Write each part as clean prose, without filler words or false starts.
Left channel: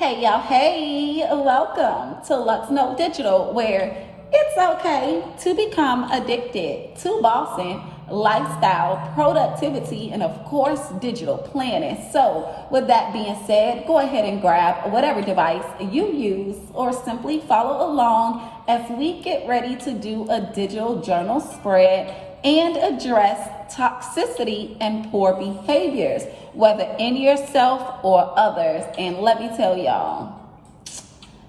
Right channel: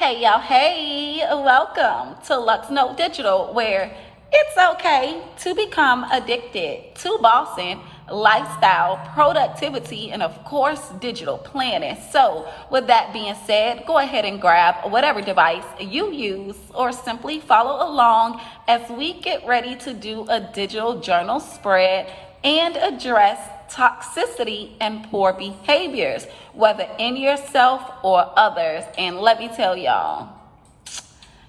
Hey y'all, hey, welcome to Luxnotedigital, where it's okay to become addicted to bossing, lifestyle, productivity, and of course, digital planning. So with that being said, go ahead and grab whatever device you use or simply follow along as we get ready to do a digital journal spread and address toxicity and poor behaviors, whether in yourself or others. And let me tell y'all,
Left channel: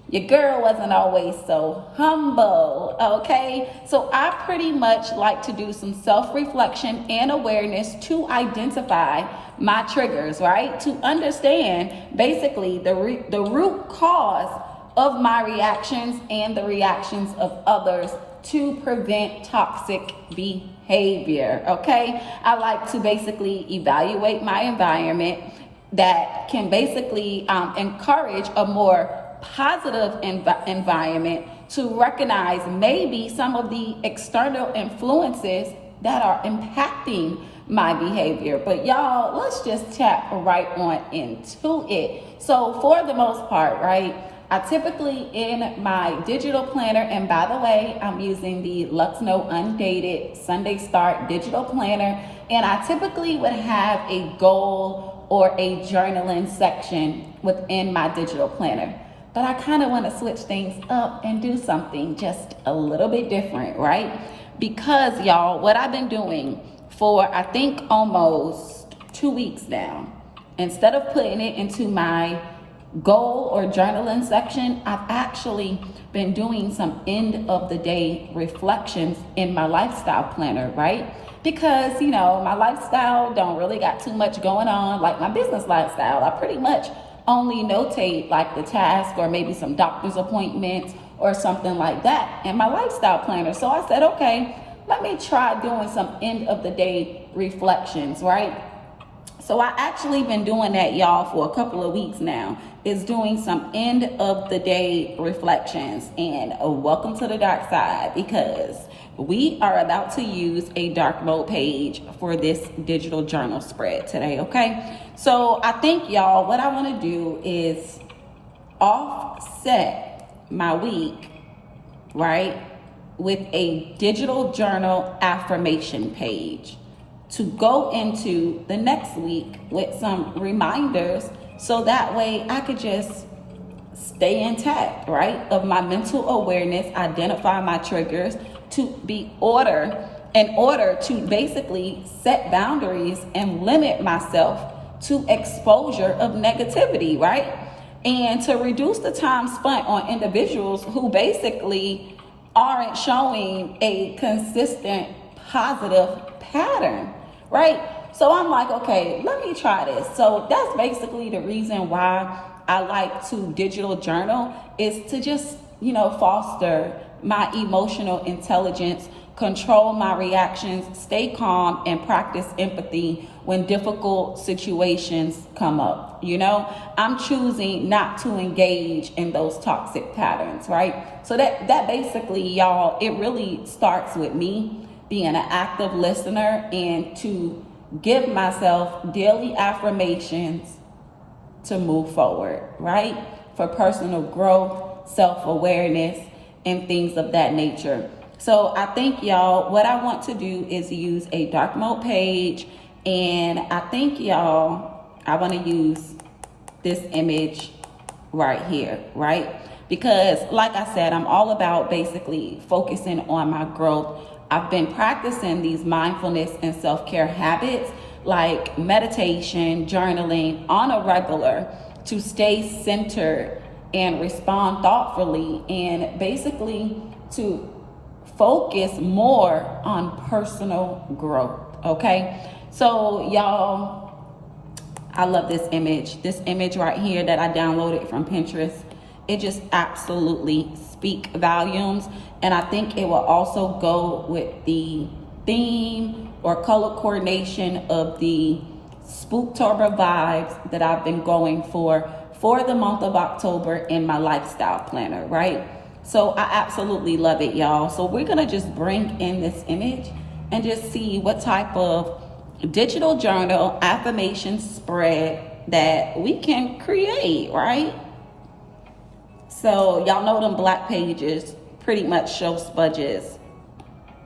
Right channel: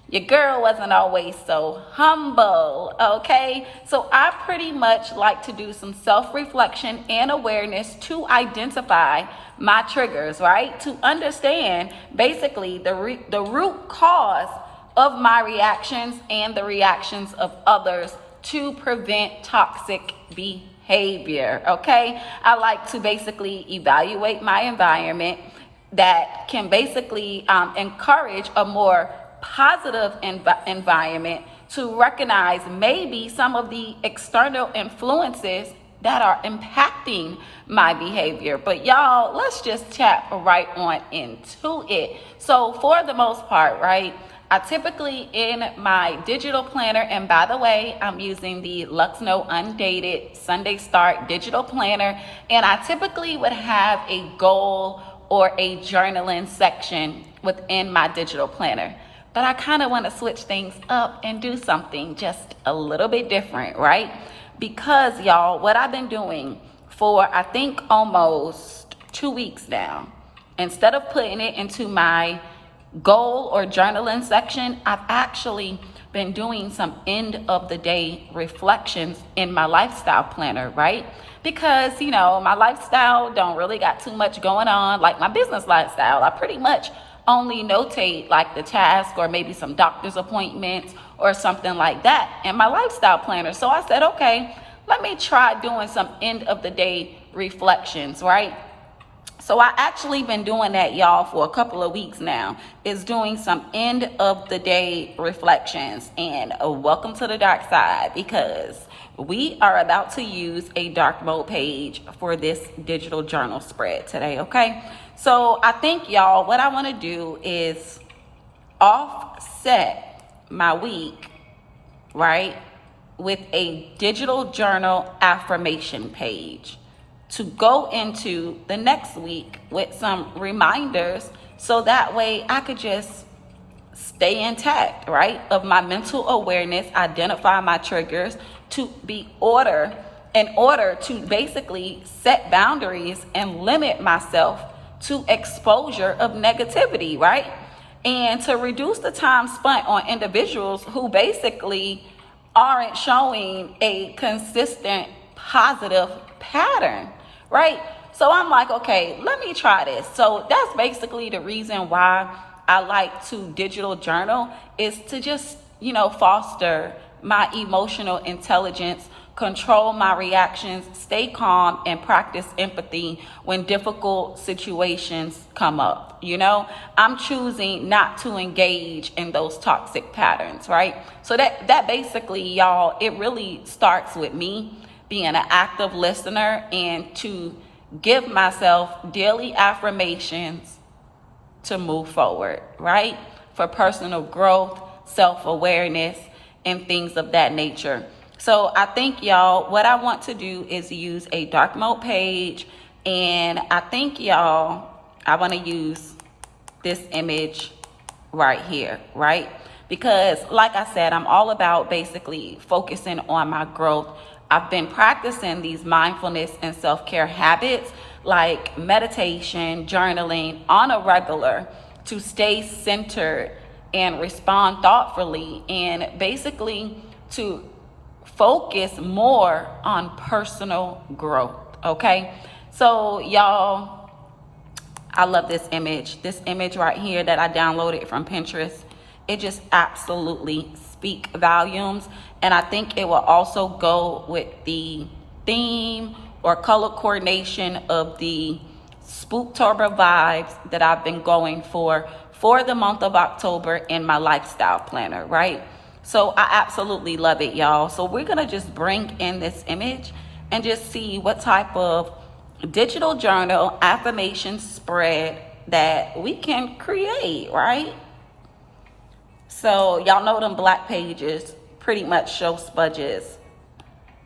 your girl wasn't always so humble, okay? So I pretty much like to do some self-reflection and awareness to identify my triggers, right? To understand basically the root cause of my reactions and the reactions of others to prevent toxic behavior, okay? I like to basically evaluate my environment that can basically encourage a more positive environment, to recognize maybe some of the external influences that are impacting my behavior. But y'all, let's just tap right on into it. So for the most part, right, I typically in my digital planner, and by the way, I'm using the Luxno Undated Sunday Start digital planner, and I typically would have a goal or a journaling section within my digital planner. But I kind of want to switch things up and do something just a little bit different, right? Because y'all, what I've been doing for I think almost 2 weeks now, instead of putting it into my goal or journaling section, I've actually been doing some end of the day reflections in my lifestyle planner, right? Because, you know, my lifestyle don't really got too much going on, like my business lifestyle. I pretty much only notate like the task or maybe some doctor's appointments or something like that in my lifestyle planner. So I said, okay, let me try doing some end of the day reflections, right? So I actually been doing that, y'all, for a couple of weeks now, is doing some end of the day reflections. And welcome to the dark side, because we are about to use a dark mode page for this digital journal spread today, okay? So I think, y'all, what I want to do is offset my week, right, with a digital journal affirmation page to go into the next week with some reminders, so that way I could just stay intact, right, of my mental awareness, identify my triggers, to be in order to basically set boundaries and limit myself to exposure of negativity, right? And to reduce the time spent on individuals who basically aren't showing a consistent positive pattern, right? So I'm like, okay, let me try this. So that's basically the reason why I like to digital journal, is to just, you know, foster my emotional intelligence, control my reactions, stay calm, and practice empathy when difficult situations come up. You know, I'm choosing not to engage in those toxic patterns, right? So that basically, y'all, it really starts with me being an active listener and to give myself daily affirmations to move forward, right? For personal growth, self-awareness, and things of that nature. So I think, y'all, what I want to do is use a dark mode page, and I think, y'all, I want to use this image right here, right? Because like I said, I'm all about basically focusing on my growth. I've been practicing these mindfulness and self-care habits like meditation, journaling on a regular, to stay centered and respond thoughtfully, and basically to focus more on personal growth, okay? So y'all, I love this image right here that I downloaded from Pinterest. It just absolutely speaks volumes, and I think it will also go with the theme or color coordination of the Spooktober vibes that I've been going for the month of October in my lifestyle planner, right? So I absolutely love it, y'all. So we're gonna just bring in this image and just see what type of digital journal affirmation spread that we can create, right? So y'all know them black pages pretty much show smudges.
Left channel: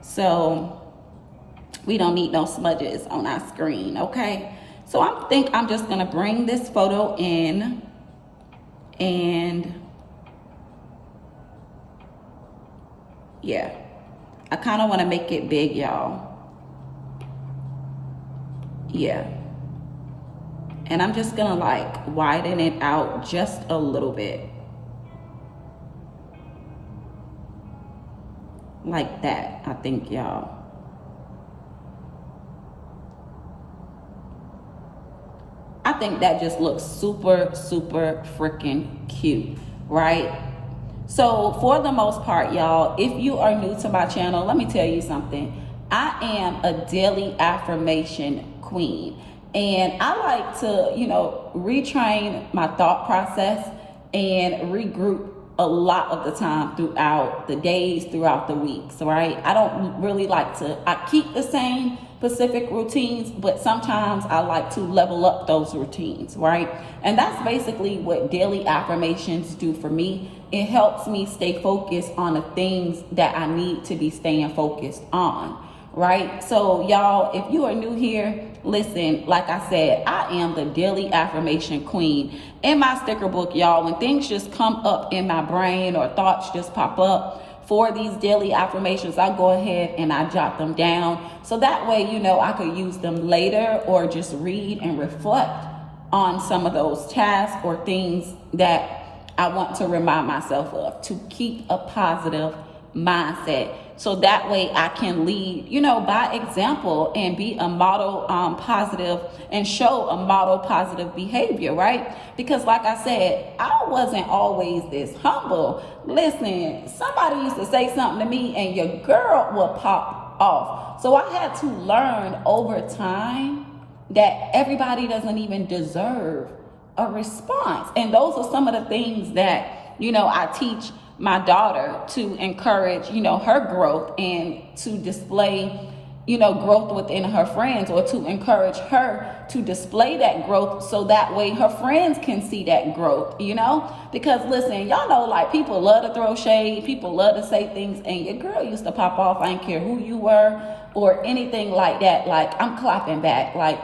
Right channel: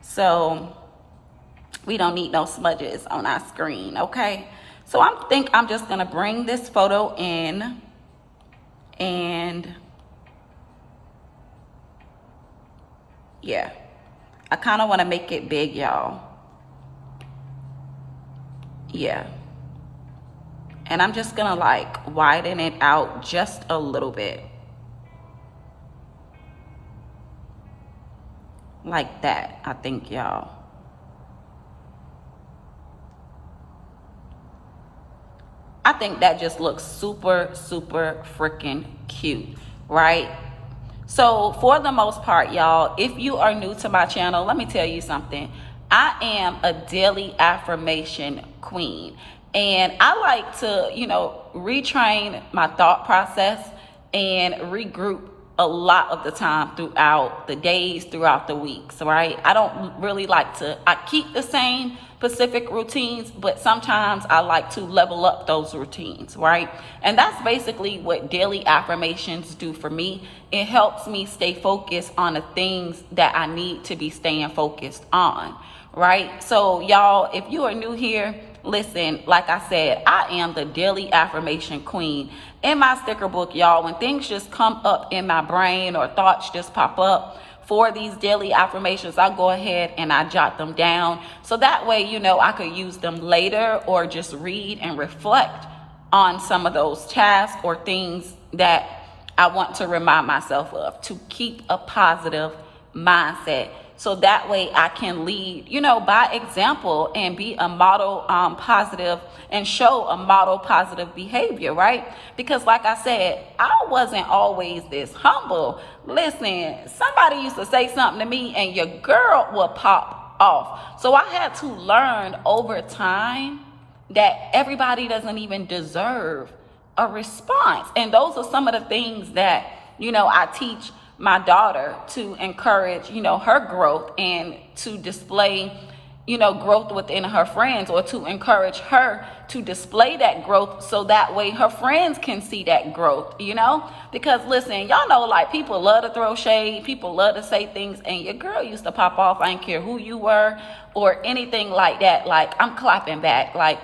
So we don't need no smudges on our screen, okay? So I think I'm just gonna bring this photo in, and yeah, I kind of want to make it big, y'all. Yeah. And I'm just gonna like widen it out just a little bit. Like that, I think, y'all. I think that just looks super, super freaking cute, right? So for the most part, y'all, if you are new to my channel, let me tell you something. I am a daily affirmation queen. And I like to, you know, retrain my thought process and regroup a lot of the time throughout the days, throughout the weeks, right? I don't really like to, I keep the same specific routines, but sometimes I like to level up those routines, right? And that's basically what daily affirmations do for me. It helps me stay focused on the things that I need to be staying focused on, right? So y'all, if you are new here, listen, like I said, I am the daily affirmation queen. In my sticker book, y'all, when things just come up in my brain or thoughts just pop up for these daily affirmations, I go ahead and I jot them down. So that way, you know, I could use them later or just read and reflect on some of those tasks or things that I want to remind myself of to keep a positive mindset. So that way I can lead, you know, by example and be a model positive and show a model positive behavior, right? Because like I said, I wasn't always this humble. Listen, somebody used to say something to me and your girl will pop off. So I had to learn over time that everybody doesn't even deserve a response. And those are some of the things that, you know, I teach my daughter to encourage, you know, her growth and to display, you know, growth within her friends, or to encourage her to display that growth so that way her friends can see that growth, you know? Because listen, y'all know, like, people love to throw shade, people love to say things, and your girl used to pop off. I didn't care who you were or anything like that. Like, I'm clapping back. Like,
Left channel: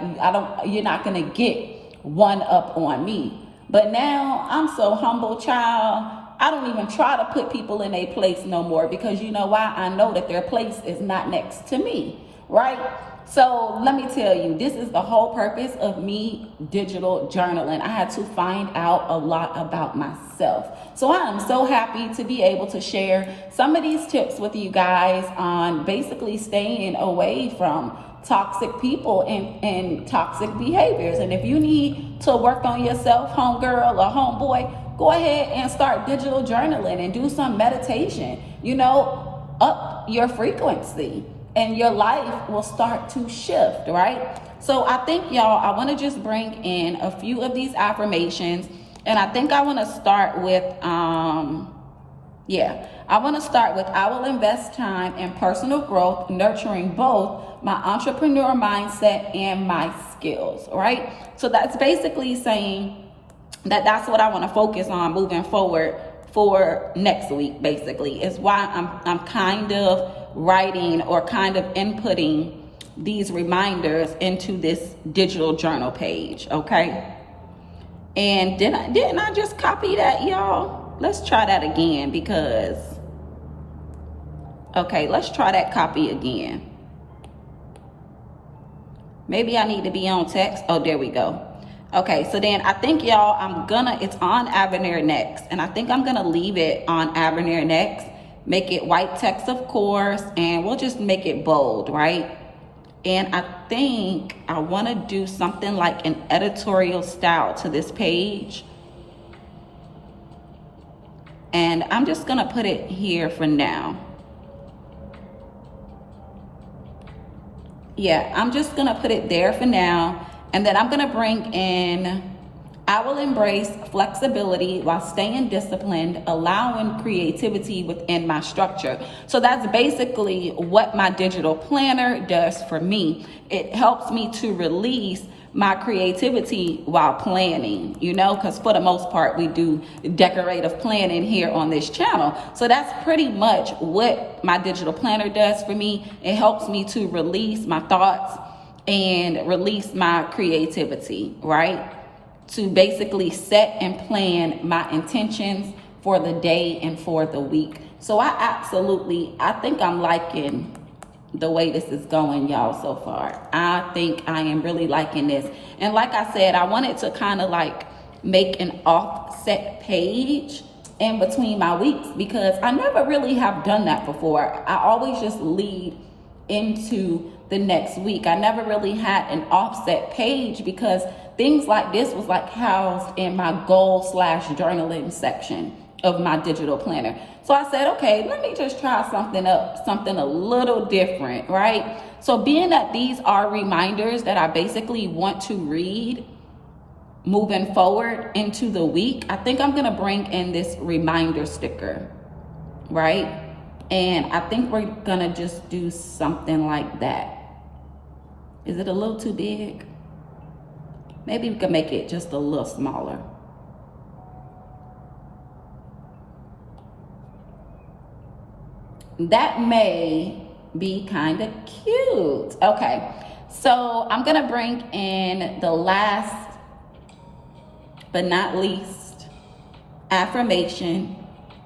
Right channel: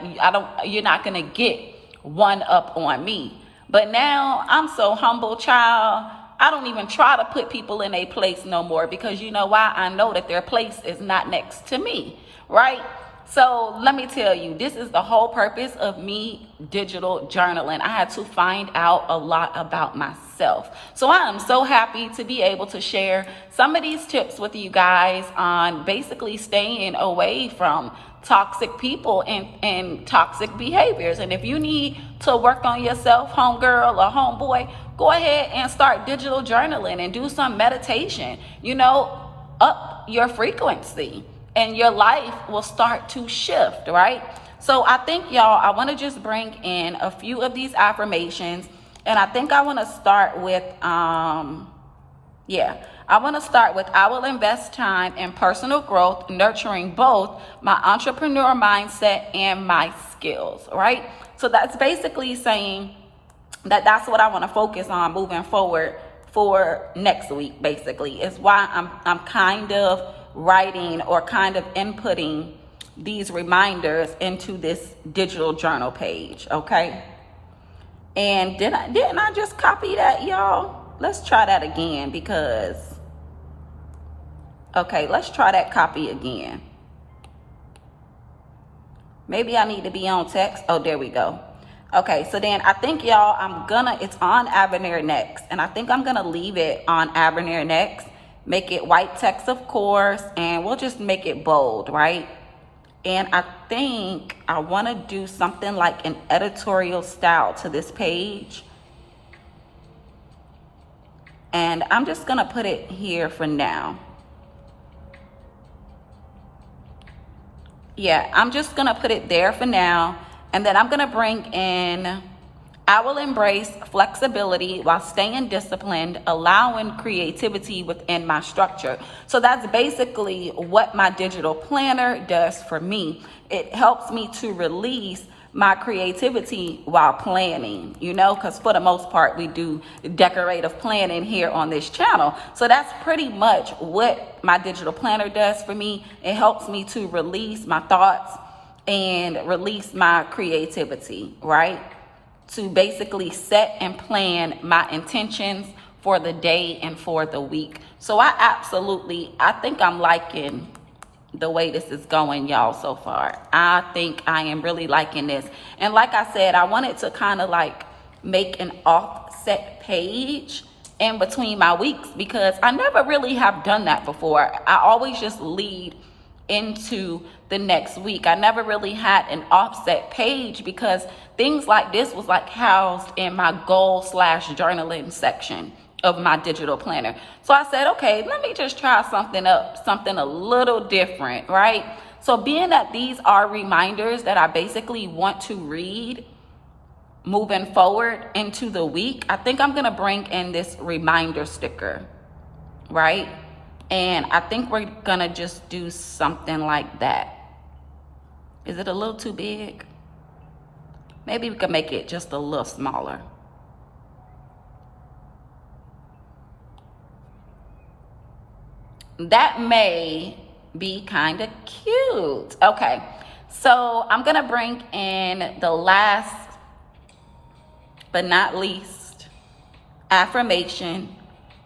you're not gonna get one up on me. But now I'm so humble, child. I don't even try to put people in a place no more, because you know why? I know that their place is not next to me, right? So let me tell you, this is the whole purpose of me digital journaling. I had to find out a lot about myself. So I am so happy to be able to share some of these tips with you guys on basically staying away from toxic people and toxic behaviors. And if you need to work on yourself, homegirl or homeboy, go ahead and start digital journaling and do some meditation. You know, up your frequency and your life will start to shift, right? So I think, y'all, I want to just bring in a few of these affirmations, and I think I want to start with I want to start with, I will invest time in personal growth, nurturing both my entrepreneur mindset and my skills, right? So that's basically saying that that's what I want to focus on moving forward for next week, basically, is why I'm kind of writing or kind of inputting these reminders into this digital journal page, okay? And didn't I just copy that, y'all? Let's try that again, because, okay, let's try that copy again. Maybe I need to be on text. Oh, there we go. Okay, so then I think, y'all, it's on Avenir Next, and I think I'm gonna leave it on Avenir Next, make it white text, of course, and we'll just make it bold, right? And I think I wanna do something like an editorial style to this page. And I'm just gonna put it here for now. Yeah, I'm just gonna put it there for now. And then I'm gonna bring in I will embrace flexibility while staying disciplined, allowing creativity within my structure. So that's basically what my digital planner does for me. It helps me to release my creativity while planning, because for the most part we do decorative planning here on this channel. So that's pretty much what my digital planner does for me. It helps me to release my thoughts and release my creativity, right? To basically set and plan my intentions for the day and for the week. So I think I'm liking the way this is going, y'all, so far. I think I am really liking this. And like I said, I wanted to kind of like make an offset page in between my weeks, because I never really have done that before. I always just lead into the next week. I never really had an offset page because things like this was like housed in my goal/journaling section of my digital planner. So I said, okay, let me just try something a little different, right? So being that these are reminders that I basically want to read moving forward into the week, I think I'm gonna bring in this reminder sticker, right? And I think we're gonna just do something like that. Is it a little too big? Maybe we can make it just a little smaller. That may be kind of cute. Okay, so I'm gonna bring in the last but not least affirmation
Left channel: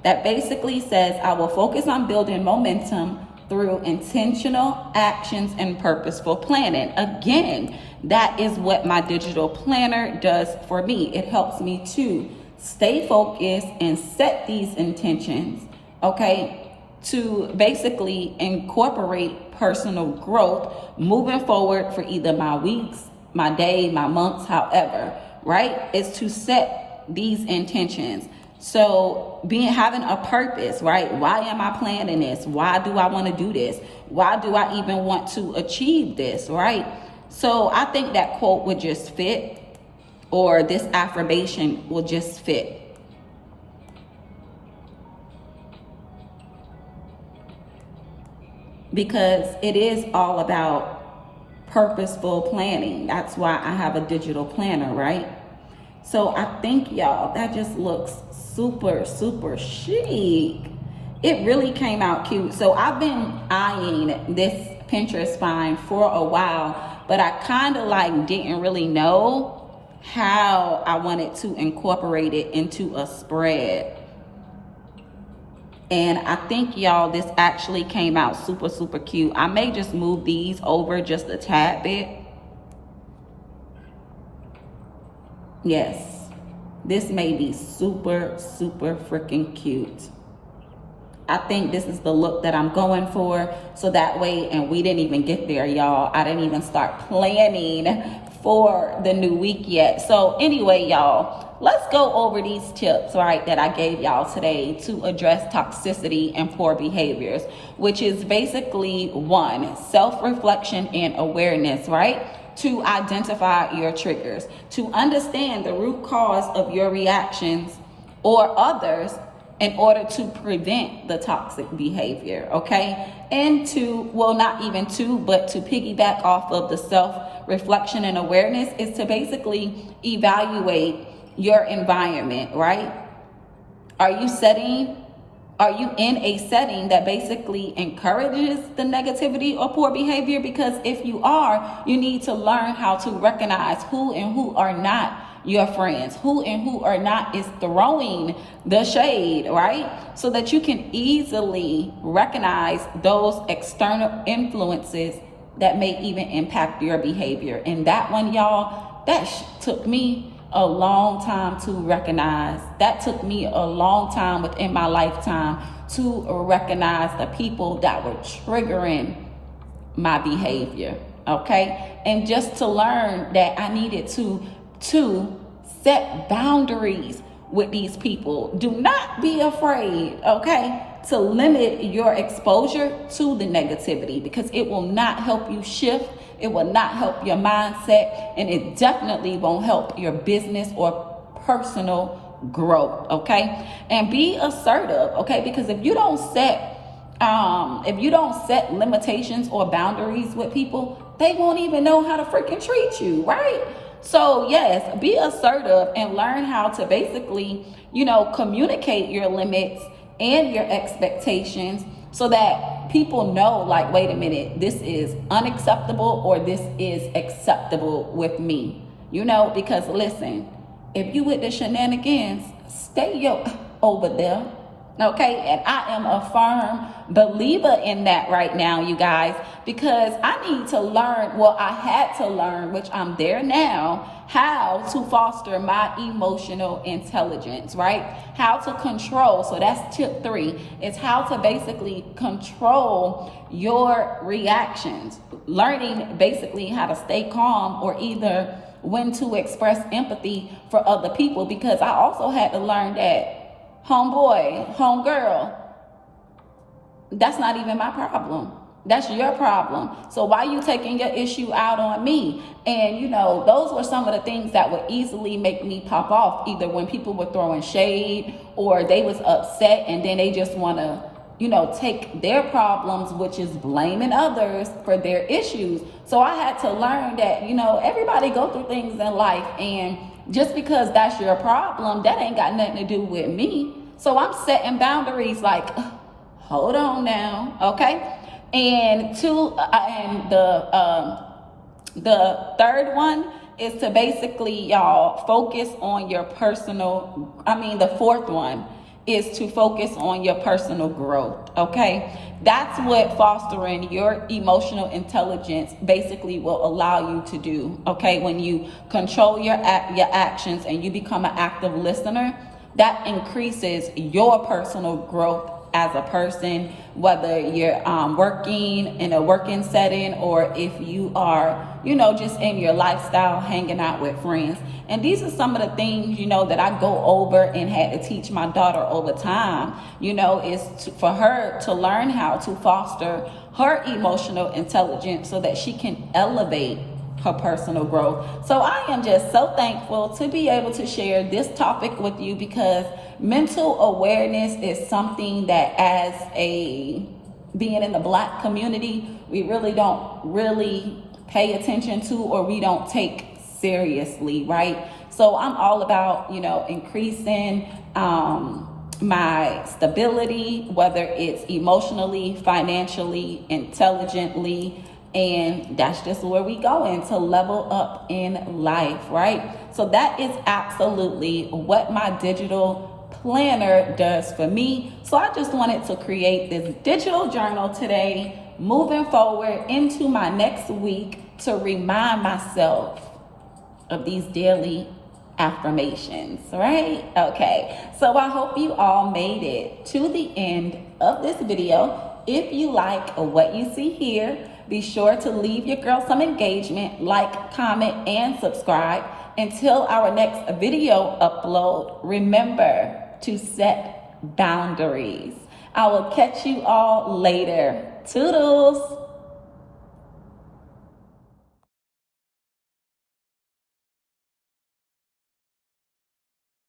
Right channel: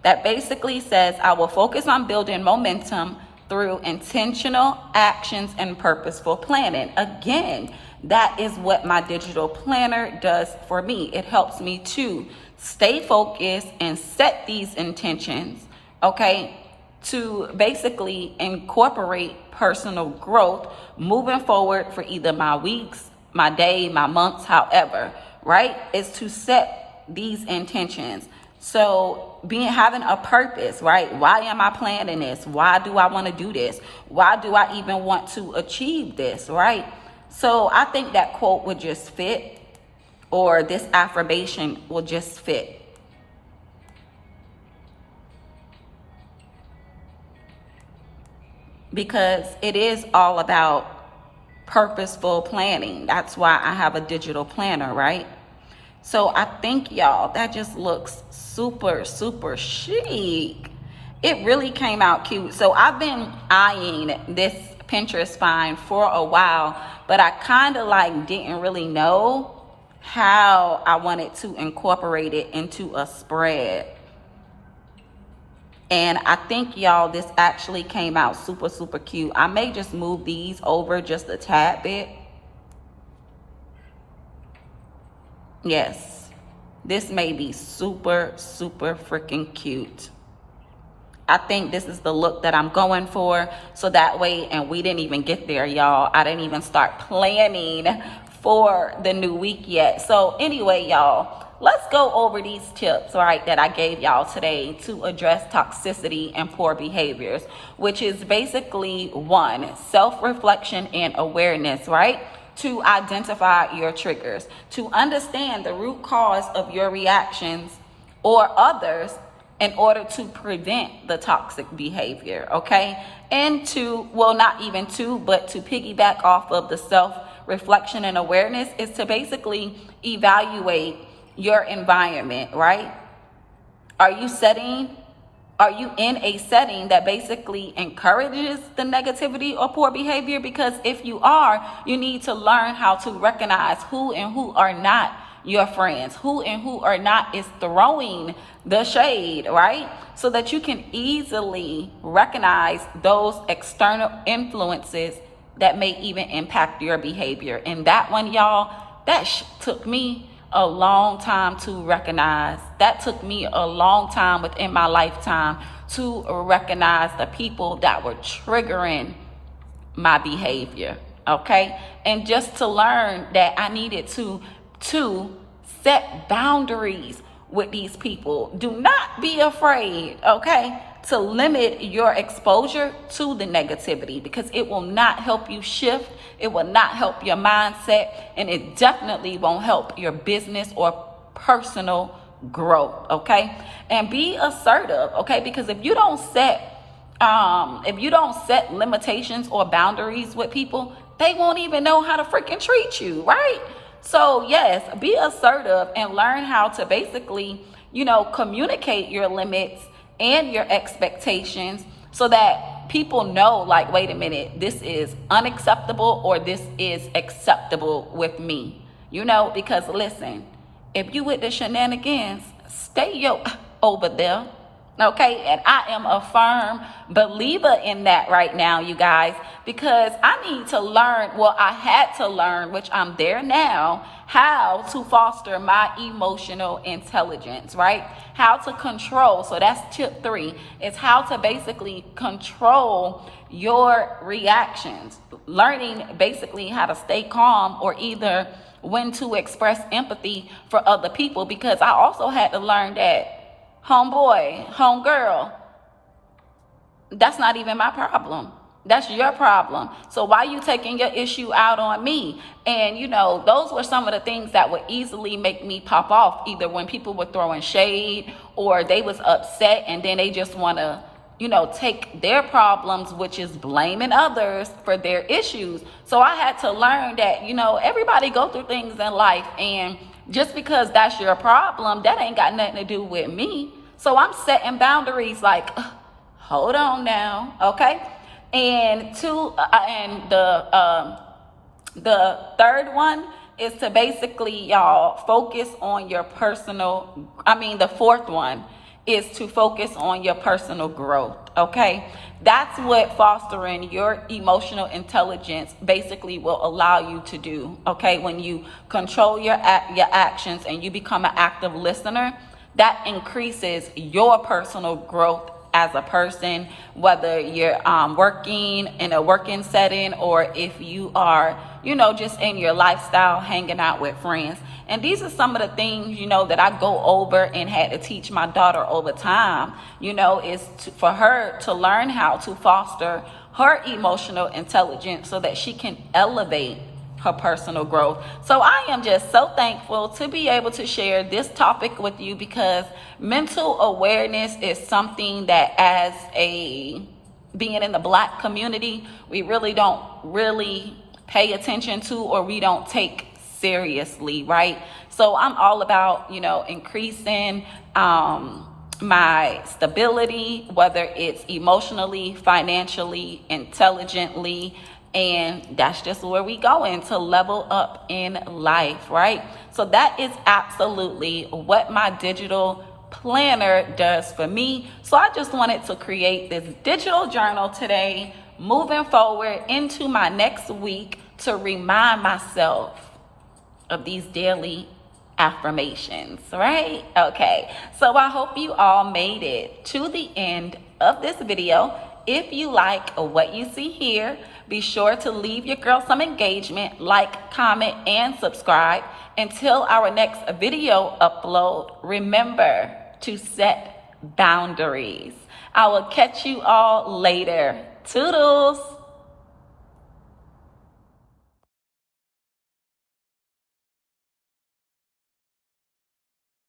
that basically says, I will focus on building momentum through intentional actions and purposeful planning. Again, that is what my digital planner does for me. It helps me to stay focused and set these intentions, okay, to basically incorporate personal growth moving forward for either my weeks, my day, my months, however, right? It's to set these intentions. So having a purpose, right? Why am I planning this? Why do I want to do this? Why do I even want to achieve this, right? So I think that quote would just fit, or this affirmation will just fit. Because it is all about purposeful planning. That's why I have a digital planner, right? So I think, y'all, that just looks super, super chic. It really came out cute. So I've been eyeing this Pinterest find for a while, but I kind of like didn't really know how I wanted to incorporate it into a spread. And I think, y'all, this actually came out super, super cute. I may just move these over just a tad bit. Yes, this may be super, super freaking cute. I think this is the look that I'm going for. So that way, and we didn't even get there, y'all. I didn't even start planning for the new week yet. So anyway, y'all, let's go over these tips, right, that I gave y'all today to address toxicity and poor behaviors, which is basically 1, self-reflection and awareness, right? To identify your triggers, to understand the root cause of your reactions or others in order to prevent the toxic behavior, okay? And not even to, but to piggyback off of the self-reflection and awareness is to basically evaluate your environment, right? Are you in a setting that basically encourages the negativity or poor behavior? Because if you are, you need to learn how to recognize who and who are not your friends, who and who are not is throwing the shade, right? So that you can easily recognize those external influences that may even impact your behavior. And that one, y'all, that took me a long time to recognize. That took me a long time within my lifetime to recognize the people that were triggering my behavior, okay? And just to learn that I needed to set boundaries with these people. Do not be afraid, okay, to limit your exposure to the negativity, because it will not help you shift It will not help your mindset, and it definitely won't help your business or personal growth, okay? And be assertive, okay? Because if you don't set limitations or boundaries with people, they won't even know how to freaking treat you, right? So yes, be assertive and learn how to basically, communicate your limits and your expectations so that people know, like, wait a minute, this is unacceptable or this is acceptable with me, because listen, if you with the shenanigans, stay over there. Okay, and I am a firm believer in that right now, you guys, because I need to learn, I had to learn, which I'm there now, how to foster my emotional intelligence, right? How to control. So that's tip 3. It's how to basically control your reactions. Learning basically how to stay calm, or either when to express empathy for other people, because I also had to learn that homeboy, homegirl, that's not even my problem. That's your problem. So why are you taking your issue out on me? And those were some of the things that would easily make me pop off, either when people were throwing shade or they was upset and then they just want to, take their problems, which is blaming others for their issues. So I had to learn that, everybody go through things in life, and just because that's your problem, that ain't got nothing to do with me. So I'm setting boundaries like, hold on now, okay? And the third one is to basically, y'all, focus on your the fourth one is to focus on your personal growth, okay? That's what fostering your emotional intelligence basically will allow you to do, okay? When you control your actions and you become an active listener, that increases your personal growth as a person, whether you're working in a working setting or if you are, just in your lifestyle, hanging out with friends. And these are some of the things, that I go over and had to teach my daughter over time, for her to learn how to foster her emotional intelligence so that she can elevate her personal growth. So I am just so thankful to be able to share this topic with you, because mental awareness is something that, as being in the Black community, we really don't pay attention to, or we don't take seriously, right? So I'm all about, increasing my stability, whether it's emotionally, financially, intelligently, and that's just where we going to level up in life, right? So that is absolutely what my digital planner does for me. So I just wanted to create this digital journal today, moving forward into my next week, to remind myself of these daily affirmations, right? Okay, so I hope you all made it to the end of this video. If you like what you see here, be sure to leave your girl some engagement, like, comment, and subscribe. Until our next video upload, remember to set boundaries. I will catch you all later. Toodles.